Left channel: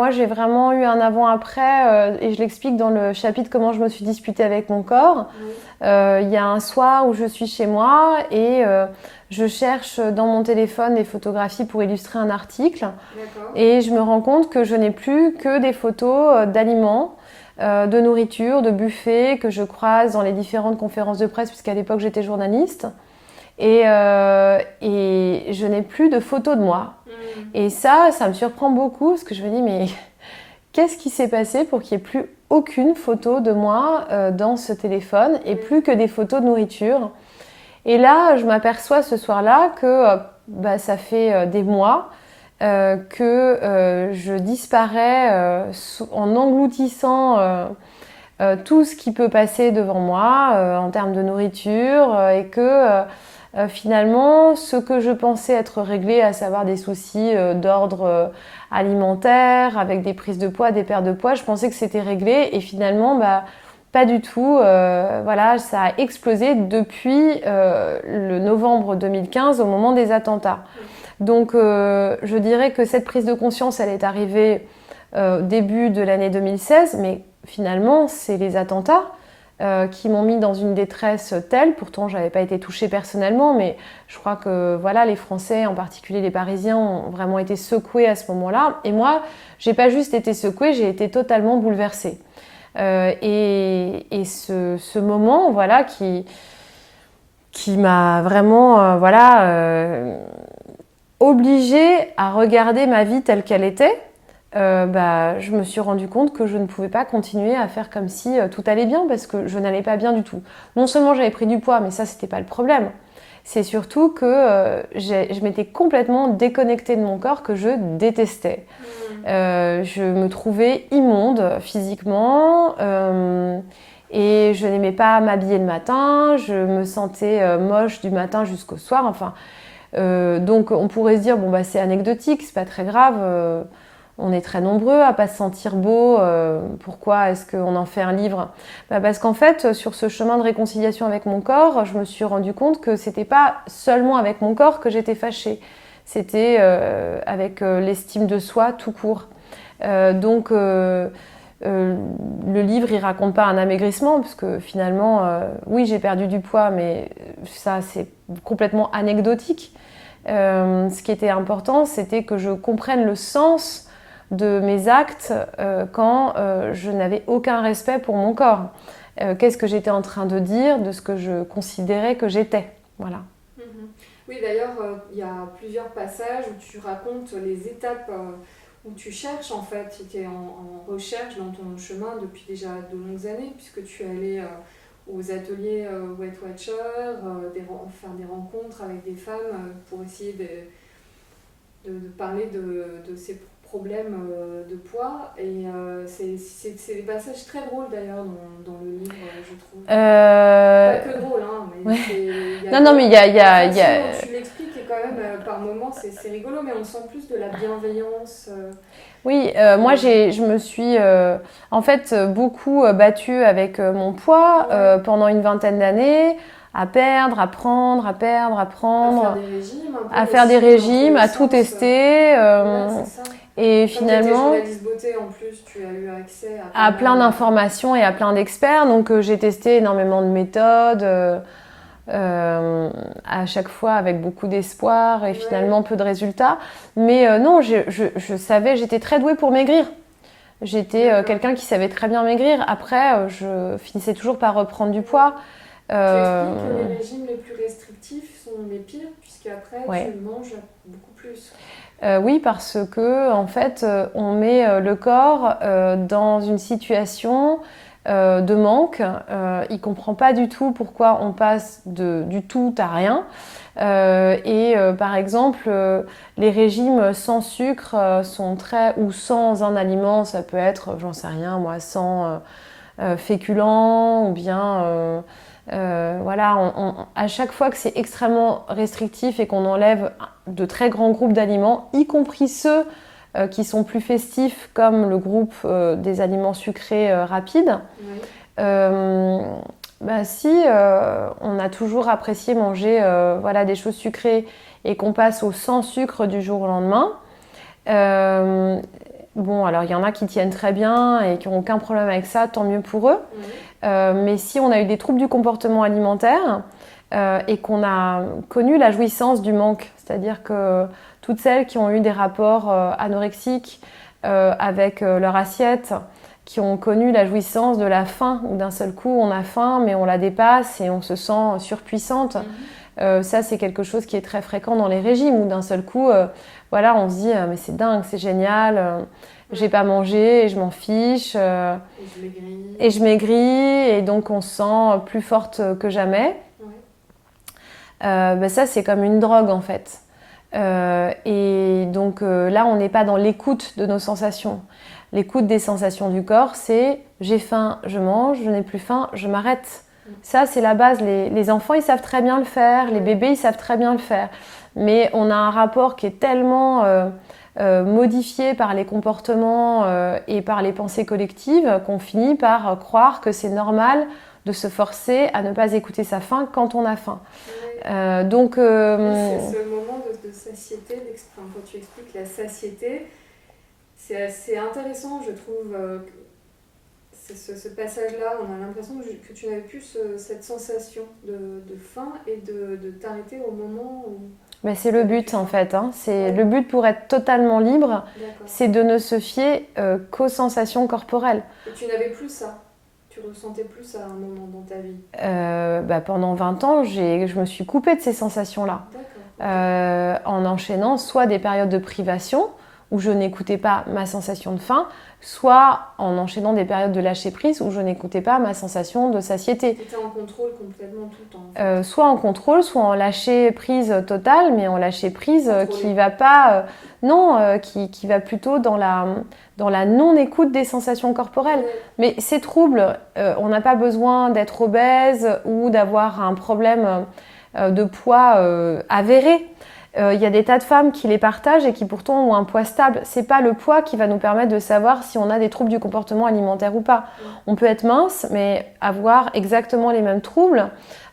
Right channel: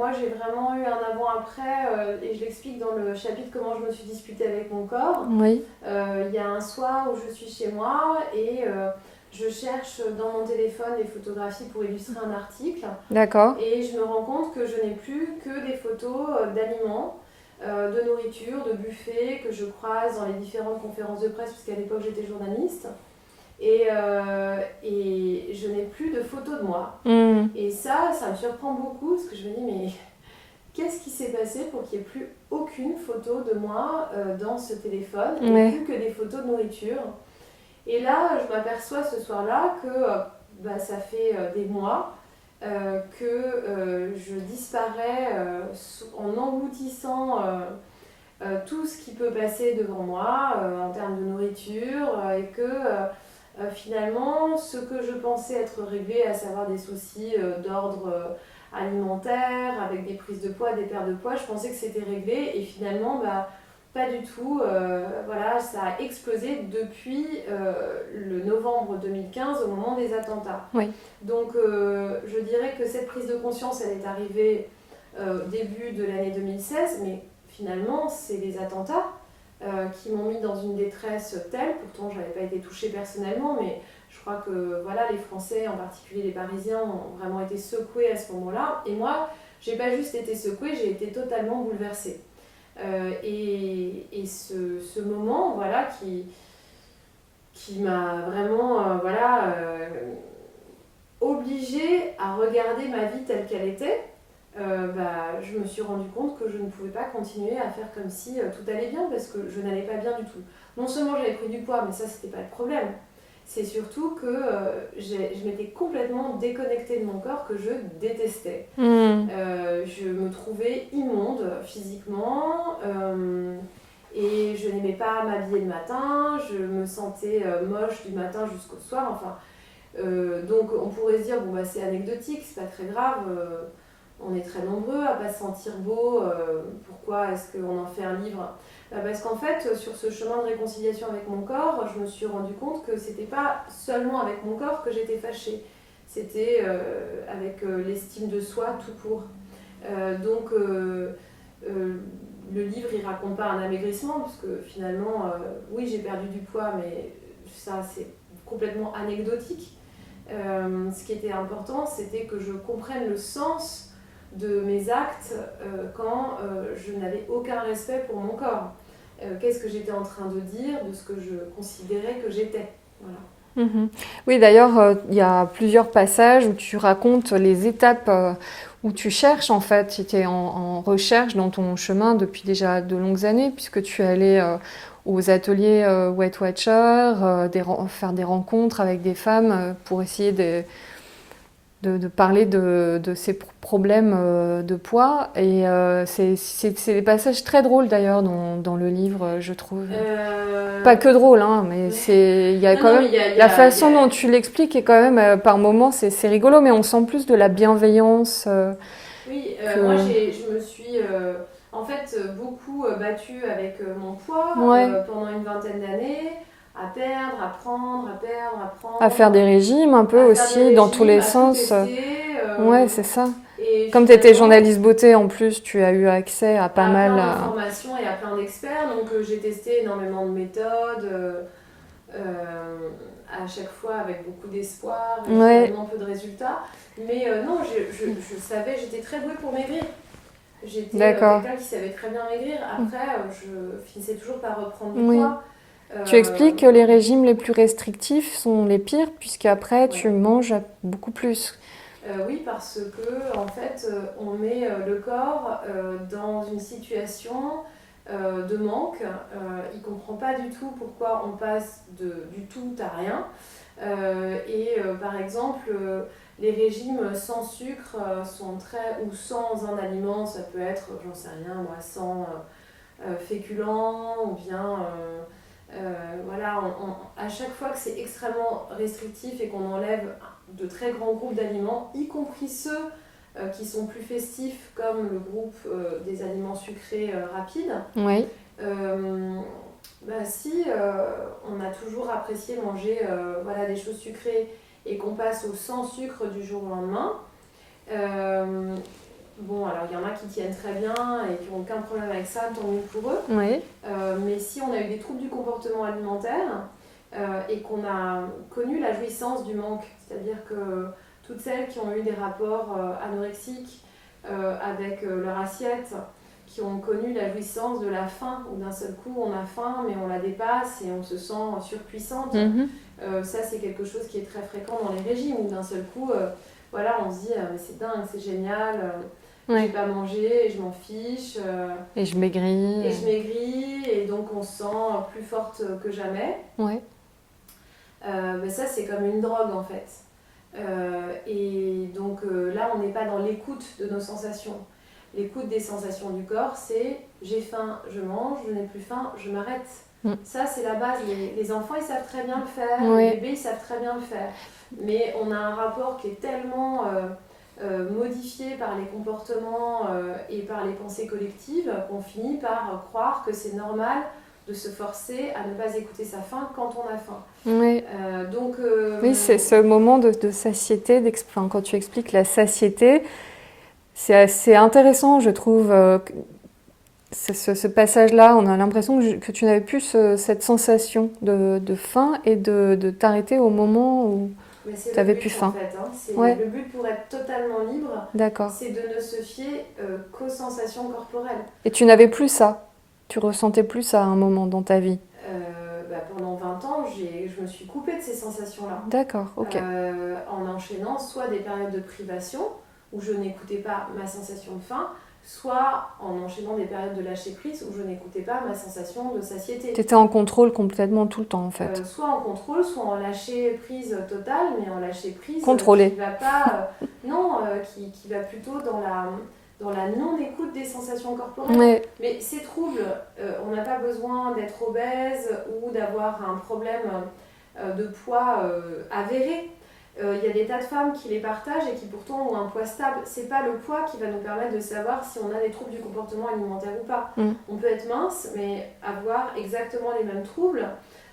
moi j'ai vraiment eu un avant-après et je l'explique dans le chapitre comment je me suis disputée avec mon corps. Oui. Il y a un soir où je suis chez moi et je cherche dans mon téléphone des photographies pour illustrer un article. D'accord. Et je me rends compte que je n'ai plus que des photos d'aliments, de nourriture, de buffets que je croise dans les différentes conférences de presse, puisqu'à l'époque j'étais journaliste. Et je n'ai plus de photos de moi. Et ça me surprend beaucoup, parce que je me dis, mais qu'est-ce qui s'est passé pour qu'il n'y ait plus aucune photo de moi dans ce téléphone et plus que des photos de nourriture. Et là, je m'aperçois ce soir-là que ça fait des mois que je disparais en engloutissant tout ce qui peut passer devant moi en termes de nourriture et que finalement, ce que je pensais être réglé, à savoir des soucis d'ordre alimentaire, avec des prises de poids, des pertes de poids, je pensais que c'était réglé et finalement, pas du tout. Voilà, ça a explosé depuis le novembre 2015 au moment des attentats. Oui. Donc, je dirais que cette prise de conscience, elle est arrivée début de l'année 2016, mais finalement, c'est les attentats qui m'ont mis dans une détresse telle. Pourtant, je n'avais pas été touchée personnellement, mais je crois que voilà, les Français, en particulier les Parisiens, ont vraiment été secoués à ce moment-là. Et moi, j'ai pas juste été secouée, j'ai été totalement bouleversée. Et ce moment, voilà, qui m'a vraiment, obligée à regarder ma vie telle qu'elle était. Je me suis rendu compte que je ne pouvais pas continuer à faire comme si tout allait bien parce que je n'allais pas bien du tout. Non seulement j'avais pris du poids, mais ça c'était pas le problème. C'est surtout que je m'étais complètement déconnectée de mon corps que je détestais. Je me trouvais immonde physiquement et je n'aimais pas m'habiller le matin. Je me sentais moche du matin jusqu'au soir. Enfin, donc on pourrait se dire bon c'est anecdotique, c'est pas très grave. On est très nombreux à pas se sentir beau. Pourquoi est-ce qu'on en fait un livre ? Parce qu'en fait, sur ce chemin de réconciliation avec mon corps, je me suis rendu compte que c'était pas seulement avec mon corps que j'étais fâchée. C'était avec l'estime de soi tout court. Donc, le livre, il raconte pas un amaigrissement, parce que finalement, oui, j'ai perdu du poids, mais ça, c'est complètement anecdotique. Ce qui était important, c'était que je comprenne le sens de mes actes quand je n'avais aucun respect pour mon corps. Qu'est-ce que j'étais en train de dire de ce que je considérais que j'étais. Voilà. Oui, d'ailleurs, il y a plusieurs passages où tu racontes les étapes où tu cherches, en fait. Tu étais en recherche dans ton chemin depuis déjà de longues années, puisque tu es allé aux ateliers Weight Watcher, faire des rencontres avec des femmes pour essayer de parler de ces problèmes de poids. Et c'est des passages très drôles d'ailleurs dans le livre, je trouve. Pas que drôle, hein, mais il y a la façon dont tu l'expliques est quand même, par moments, c'est rigolo, mais on sent plus de la bienveillance. Oui, moi je me suis en fait beaucoup battue avec mon poids pendant une vingtaine d'années. À perdre, à prendre, à perdre, à prendre. À faire des régimes un peu aussi, faire des régimes, dans tous les à sens. tout tester. Ouais, c'est ça. Et comme tu étais journaliste beauté en plus, tu as eu accès à plein d'informations et à plein d'experts. Donc j'ai testé énormément de méthodes, à chaque fois avec beaucoup d'espoir et finalement peu de résultats. Mais non, je savais, j'étais très douée pour maigrir. J'étais quelqu'un qui savait très bien maigrir. Après, je finissais toujours par reprendre du poids. Tu expliques que les régimes les plus restrictifs sont les pires, puisqu'après tu manges beaucoup plus. Oui, parce que en fait, on met le corps dans une situation de manque. Il ne comprend pas du tout pourquoi on passe du tout à rien. Par exemple, les régimes sans sucre sont ou sans un aliment, ça peut être, j'en sais rien, moi, sans féculents ou bien... à chaque fois que c'est extrêmement restrictif et qu'on enlève de très grands groupes d'aliments, y compris ceux qui sont plus festifs, comme le groupe des aliments sucrés rapides, si on a toujours apprécié manger des choses sucrées et qu'on passe au sans sucre du jour au lendemain, bon, alors il y en a qui tiennent très bien et qui n'ont aucun problème avec ça, tant mieux pour eux. Oui. Mais si on a eu des troubles du comportement alimentaire et qu'on a connu la jouissance du manque, c'est-à-dire que toutes celles qui ont eu des rapports anorexiques avec leur assiette, qui ont connu la jouissance de la faim, où d'un seul coup on a faim mais on la dépasse et on se sent surpuissante. Ça c'est quelque chose qui est très fréquent dans les régimes, où d'un seul coup voilà, on se dit mais c'est dingue, c'est génial, j'ai pas mangé et je m'en fiche. Et je maigris. Et je maigris et donc on se sent plus forte que jamais. Ouais. Ça c'est comme une drogue en fait. Et donc là on n'est pas dans l'écoute de nos sensations. L'écoute des sensations du corps, c'est j'ai faim, je mange, je n'ai plus faim, je m'arrête. Ça, c'est la base. Les enfants, ils savent très bien le faire, les bébés, ils savent très bien le faire. Mais on a un rapport qui est tellement modifié par les comportements et par les pensées collectives qu'on finit par croire que c'est normal de se forcer à ne pas écouter sa faim quand on a faim. Oui. Oui, c'est ce moment de satiété, quand tu expliques la satiété. C'est assez intéressant, je trouve, ce passage-là. On a l'impression que tu n'avais plus cette sensation de faim et de t'arrêter au moment où mais c'est le but en fait. Hein. Le but pour être totalement libre, c'est de ne se fier qu'aux sensations corporelles. Et tu n'avais plus ça? Tu ressentais plus ça à un moment dans ta vie? Pendant 20 ans, je me suis coupée de ces sensations-là. D'accord, ok. En enchaînant soit des périodes de privation, où je n'écoutais pas ma sensation de faim, soit en enchaînant des périodes de lâcher prise où je n'écoutais pas ma sensation de satiété. Tu étais en contrôle complètement tout le temps en fait. Soit en contrôle, soit en lâcher prise totale, mais en lâcher prise Contrôlée. qui va pas, qui va plutôt dans la non-écoute des sensations corporelles. Ouais. Mais ces troubles, on n'a pas besoin d'être obèse ou d'avoir un problème de poids avéré. Y a des tas de femmes qui les partagent et qui pourtant ont un poids stable. C'est pas le poids qui va nous permettre de savoir si on a des troubles du comportement alimentaire ou pas. On peut être mince, mais avoir exactement les mêmes troubles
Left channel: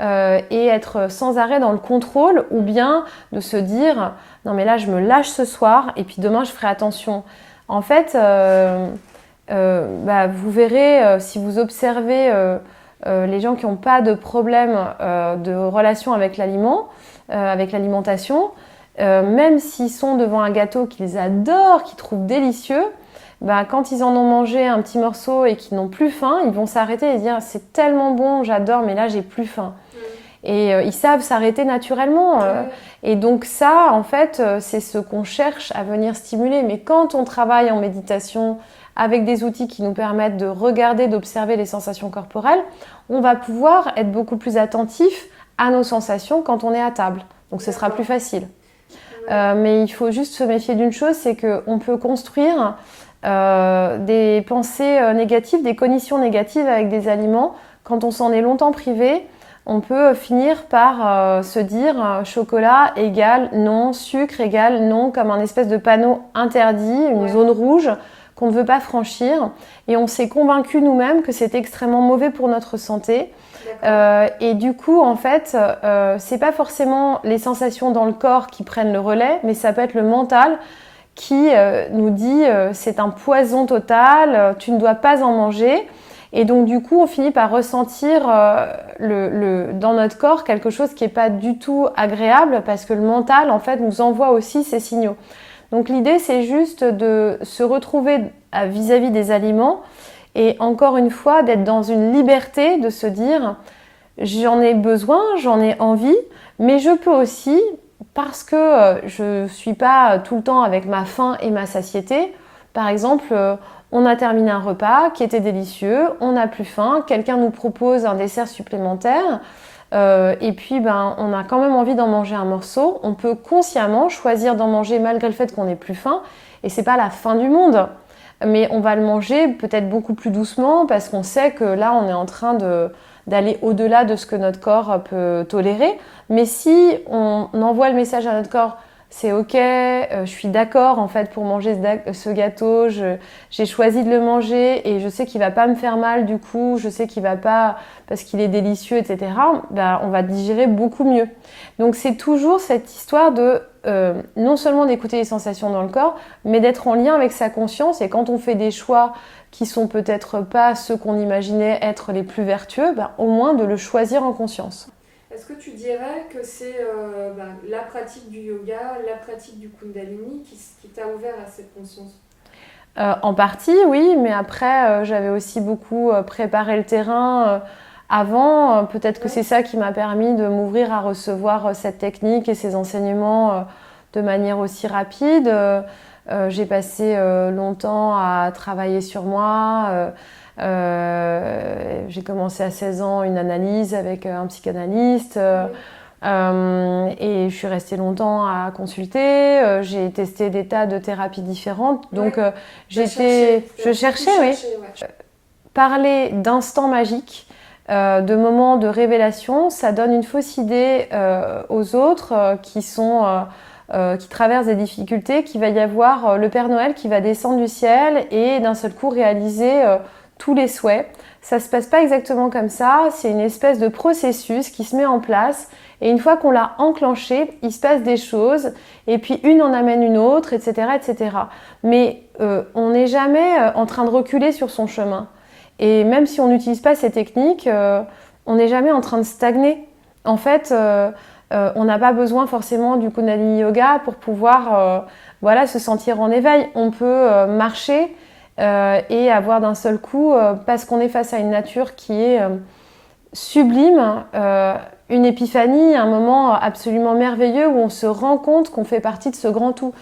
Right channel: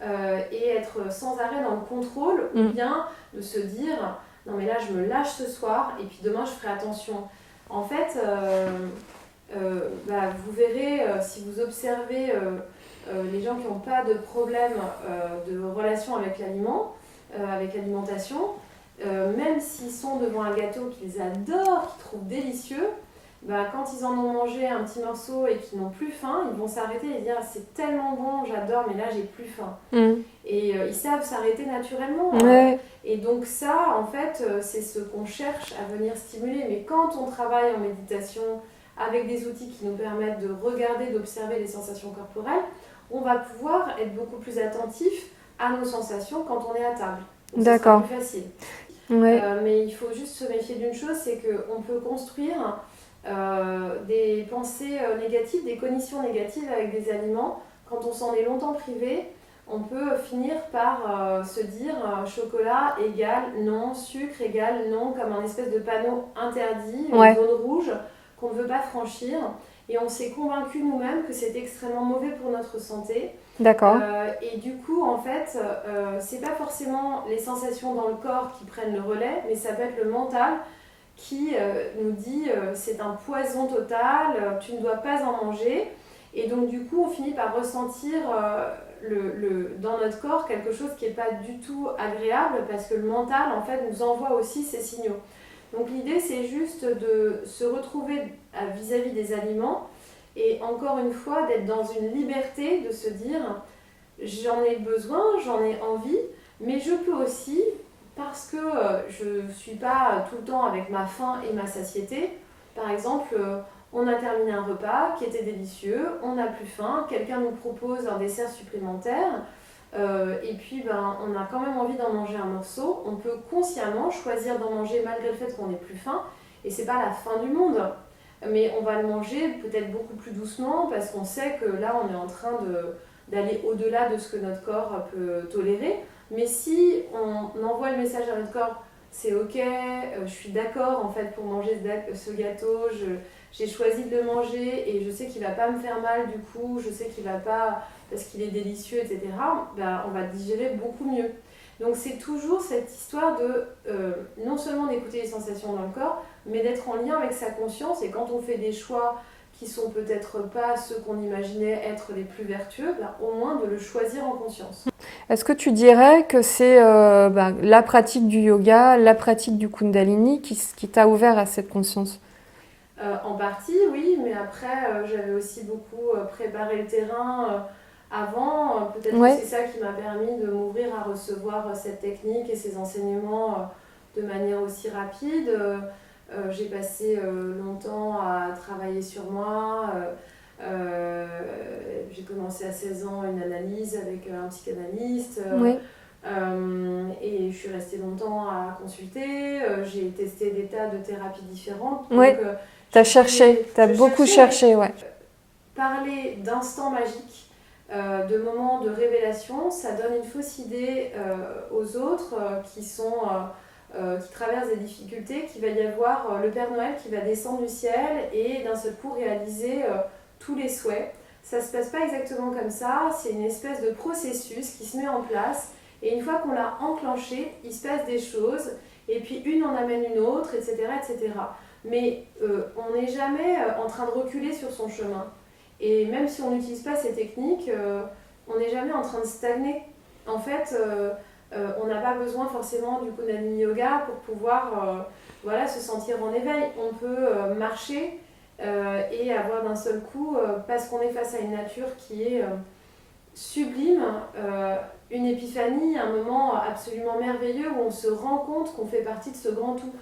et être sans arrêt dans le contrôle, ou bien de se dire non mais là je me lâche ce soir et puis demain je ferai attention. En fait, vous verrez si vous observez les gens qui n'ont pas de problème de relation avec l'aliment, avec l'alimentation, même s'ils sont devant un gâteau qu'ils adorent, qu'ils trouvent délicieux, quand ils en ont mangé un petit morceau et qu'ils n'ont plus faim, ils vont s'arrêter et dire c'est tellement bon, j'adore, mais là j'ai plus faim. Et ils savent s'arrêter naturellement. Et donc ça, en fait, c'est ce qu'on cherche à venir stimuler. Mais quand on travaille en méditation avec des outils qui nous permettent de regarder, d'observer les sensations corporelles, on va pouvoir être beaucoup plus attentif à nos sensations quand on est à table. Donc ce sera plus facile. Mais il faut juste se méfier d'une chose, c'est qu'on peut construire des pensées négatives, des cognitions négatives avec des aliments. Quand on s'en est longtemps privé, on peut finir par se dire chocolat égale non, sucre égale non, comme un espèce de panneau interdit, une zone rouge qu'on ne veut pas franchir. Et on s'est convaincu nous-mêmes que c'était extrêmement mauvais pour notre santé. D'accord. Et du coup, en fait, c'est pas forcément les sensations dans le corps qui prennent le relais, mais ça peut être le mental qui nous dit c'est un poison total, tu ne dois pas en manger. Et donc du coup, on finit par ressentir dans notre corps quelque chose qui n'est pas du tout agréable, parce que le mental, en fait, nous envoie aussi ces signaux. Donc l'idée, c'est juste de se retrouver vis-à-vis des aliments et encore une fois, d'être dans une liberté, de se dire j'en ai besoin, j'en ai envie, mais je peux aussi, parce que je ne suis pas tout le temps avec ma faim et ma satiété, par exemple, on a terminé un repas qui était délicieux, on n'a plus faim, quelqu'un nous propose un dessert supplémentaire, et puis on a quand même envie d'en manger un morceau. On peut consciemment choisir d'en manger malgré le fait qu'on n'ait plus faim, et c'est pas la fin du monde. Mais on va le manger peut-être beaucoup plus doucement parce qu'on sait que là, on est en train d'aller au-delà de ce que notre corps peut tolérer. Mais si on envoie le message à notre corps, c'est ok, je suis d'accord en fait pour manger ce gâteau, j'ai choisi de le manger et je sais qu'il va pas me faire mal du coup, je sais qu'il va pas parce qu'il est délicieux, etc. Ben, on va digérer beaucoup mieux. Donc c'est toujours cette histoire de non seulement d'écouter les sensations dans le corps, mais d'être en lien avec sa conscience et quand on fait des choix qui sont peut-être pas ceux qu'on imaginait être les plus vertueux, ben, au moins de le choisir en conscience. Est-ce que tu dirais que c'est la pratique du yoga, la pratique du Kundalini qui t'a ouvert à cette conscience? En partie, oui, mais après, j'avais aussi beaucoup préparé le terrain avant. Peut-être que c'est ça qui m'a permis de m'ouvrir à recevoir cette technique et ces enseignements de manière aussi rapide. J'ai passé longtemps à travailler sur moi. J'ai commencé à 16 ans une analyse avec un psychanalyste. Et je suis restée longtemps à consulter. J'ai testé des tas de thérapies différentes. Donc, t'as cherché, t'as beaucoup cherché. Ouais. Parler d'instants magiques, de moments de révélation, ça donne une fausse idée aux autres qui traversent des difficultés, qu'il va y avoir le Père Noël qui va descendre du ciel et d'un seul coup réaliser tous les souhaits. Ça se passe pas exactement comme ça. C'est une espèce de processus qui se met en place. Et une fois qu'on l'a enclenché, il se passe des choses, et puis une en amène une autre, etc. etc. Mais on n'est jamais en train de reculer sur son chemin. Et même si on n'utilise pas ces techniques, on n'est jamais en train de stagner. En fait, on n'a pas besoin forcément du Kundalini Yoga pour pouvoir se sentir en éveil. On peut marcher et avoir d'un seul coup, parce qu'on est face à une nature qui est sublime, une épiphanie, un moment absolument merveilleux où on se rend compte qu'on fait partie de ce grand tout.